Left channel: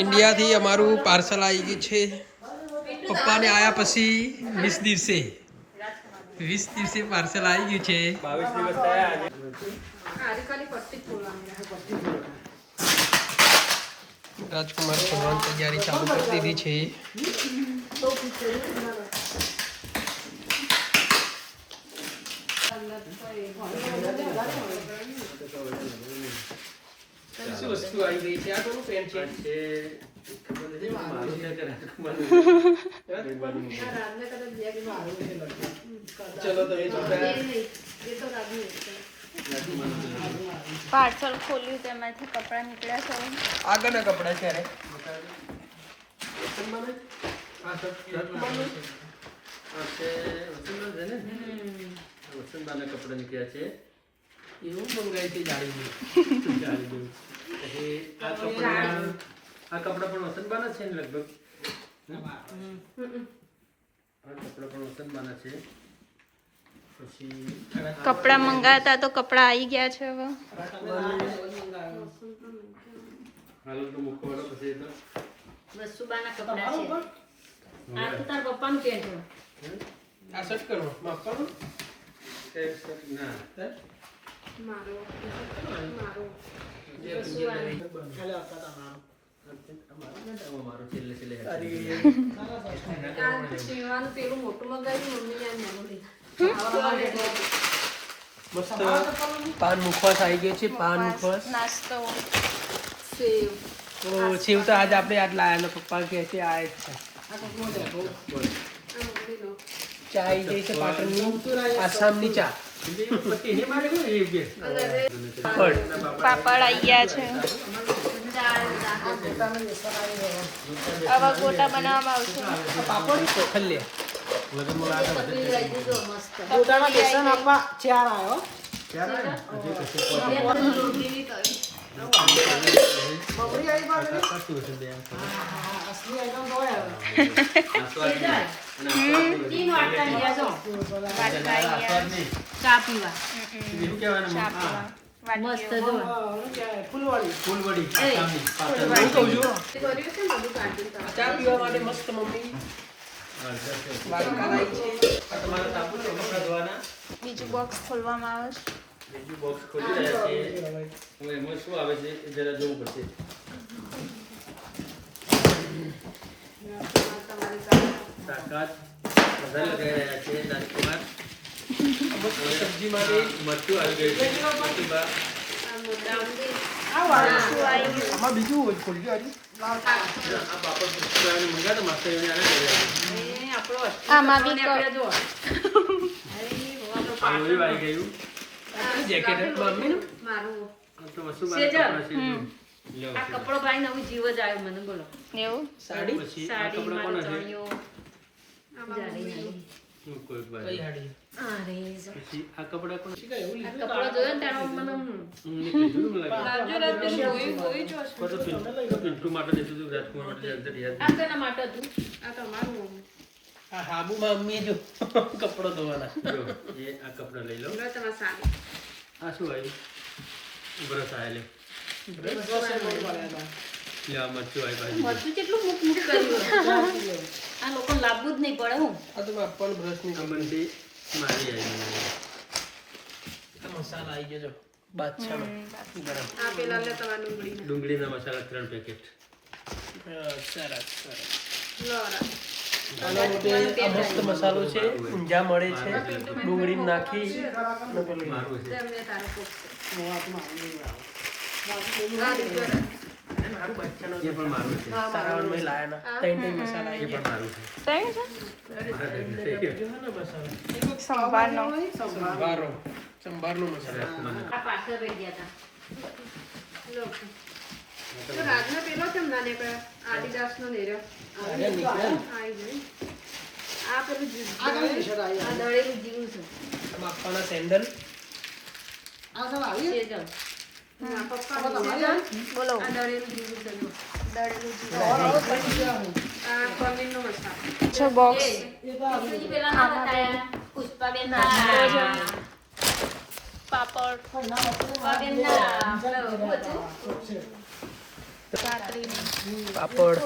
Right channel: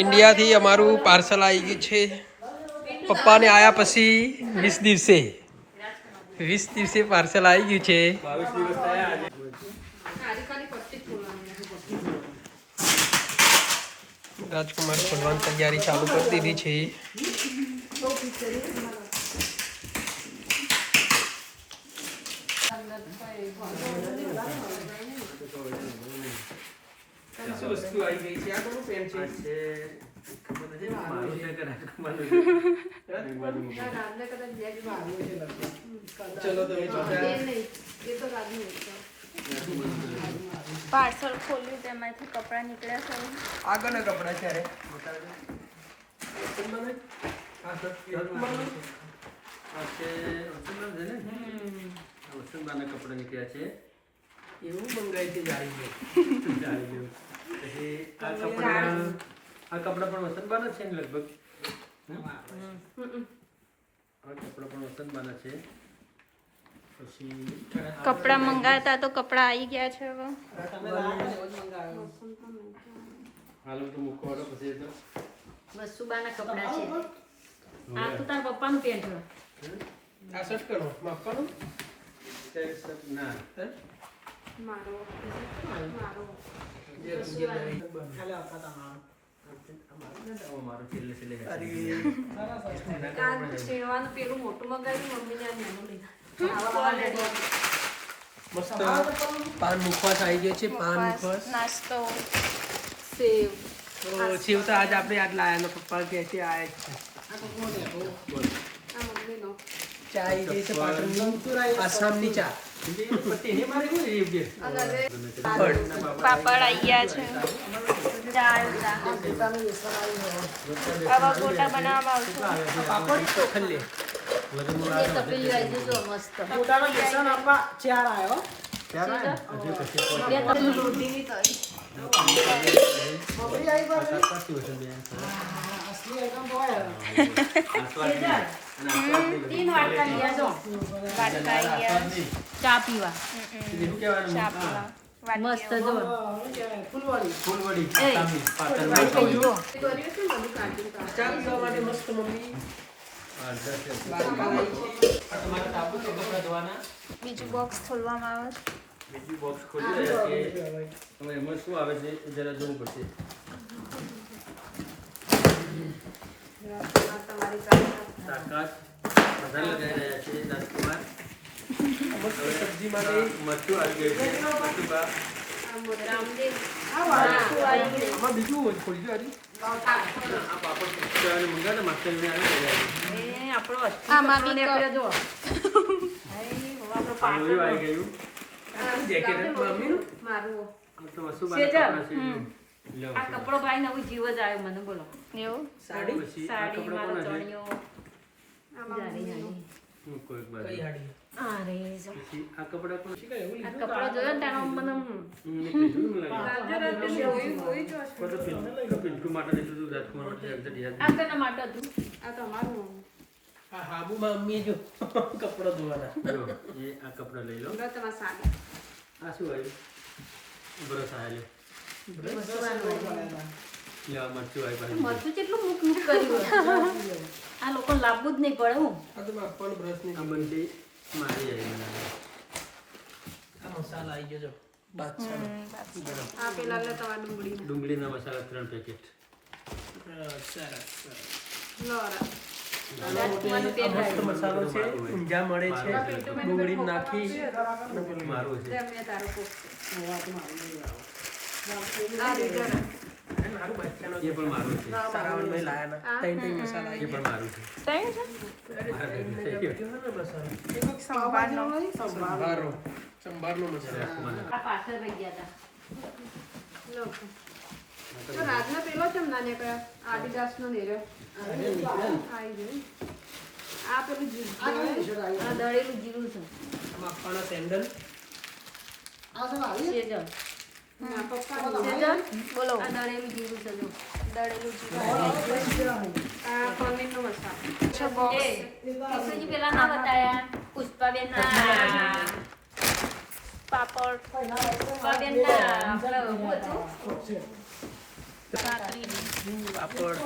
ઇન્ડિયાથી અમારું પાર્સલ આવી ગયું છે પપ્પાને આયા પછી 20 દિવસે પાર્સલ આવી ગયું છે 22 દિવસ થયા રાજકુમાર ખોલવાની તૈયારી ચાલુ કરી દીધી છે શું વસ્તુ આવી ગઈ છે આ કોનું પેન છે ચલો તો પાર્સલ ખોલ્યું તેમાંથી કપડાં નીકળ્યા છે આગળના કપડા છે રે વસંતબાના કપડા નીકળ્યા છે એવું મંગાઈ છે જાળી આ કપડા પણ વસંતબાના છે ને લગભગ આ કપડા પણ વસંતબાના છે પછી કપડાં મંગાતા તો કપડાં આવી ગયા છે હવે હાલો તો મૂકવાનો પછી તો વસુબાના કપડા છે આ તો તાર પપ્પાનું પેન્ટ છે આ શર્ટ કરો માપવાનું ના મારો મારું છેલ્લે છેલ્લે સેવાનું પેલું મોટું મંગાવ્યું મમ્મીને આ નાનું લીધા મસ્ત પાન મુખવાસ આવી ગયો છે પાન મુખવાસ નાસ્તો સેવ તો શિવ તો આજ આપણે આજ લાયા પપ્પા કહે છે આ જ છે આ મમ્મીનો ચા આવી ગઈ છે પાટણની આસામની ચા પાપડ આવી ગયા છે હવે ગોટા બનાવવામાં આવશે પાપડ તો ખલ્લે વાટકા આવી ગયા ચા પીવા ચા પીવા મસ્ત જો ફૂલવડી ચા પીવા માટે મસ્ત મમ્મી વાટકા લાવી છે તમારે તાપુ છે ભગવાના બીજું બોક્સ ખોલવામાં આવે છે બીજું બોક્સ ખોલી રહ્યા છે હવે એમાં શું આવે છે એ જરા જોવું પડશે તાકાત બધા લગાવી રહ્યા છે રાજકુમાર સબ્જી માટે મરચું આવી ગયું છે મરચું બા બીજું હોય ખોલી ગયો આ પાપડ પુષ્કળ મંગાતા માસ્ટર એને આને આમાં બી આવી ગયું જેકેટ મમ્મી મારું આ તો વસ્તુ કપડા છે આ કપડો ભાઈ નવું જીવ જ આવ્યો મને બોલો એવું સાડી પછી આ સાડી કપડા મારો કોના છે ચણિયો જાડી નાની હું કોઈ બાજુ કઈ હાડી અરે પછી આ કપડા કોણ છે કપડો જોયો ને ત્યાં મને પિન્ટુ માટે લીધું હતું રાજકુમાર માટે એક્ઝેક્ટ યાદ આ તેના માટે હતું આ તમારું આ હાબુમાં મમ્મી જો કપડો ધોવાના જો એ આ કપડા લઈ લો તમારા સાડી આ શું આવ્યું બ્રશ આવે લે આ મરચું આવી ભાજી મરચું કેટલું મૂક કર્યું આ લોકો લાવવું જ નહીં પડે હું આ તો માપવાનું બ્રશ ની આ બંડી મારી આવી બનાવી આ મસાલા આવી ગયો જો બાદશાહ આ પેલા લે તમારા ડુંગળીના મસાલા 3 પેકેટ સરસ સરસ લોરા આના માટે આ મસ્ત મસાલો છે ઊંઝા મળે છે ડુંગળી નાખી મારું છે મેં તારો કોક એ પણ મારું છે સારાવણ મેં લાયા ના ત્રણ મસાલા એ પણ મારું છે સંભારનો સંભારનો મસાલો આ પાછળ રહી ગયા હતા તો રાજનો પેલો કેમ ના નીકળ્યા આદિદાસ નો નેરો આવી ગઈ આ પેલું દળેલું જીવું છે માપવાના સેન્ડલ ના પપ્પા બોલો આ દળેલું જીવું છે જો દળેલું જીરું આ પનીરનો મસાલો છે બોક્સ પેલા ના બતાયા પુષ્પાબેન પાપડ કાતરી પાપડ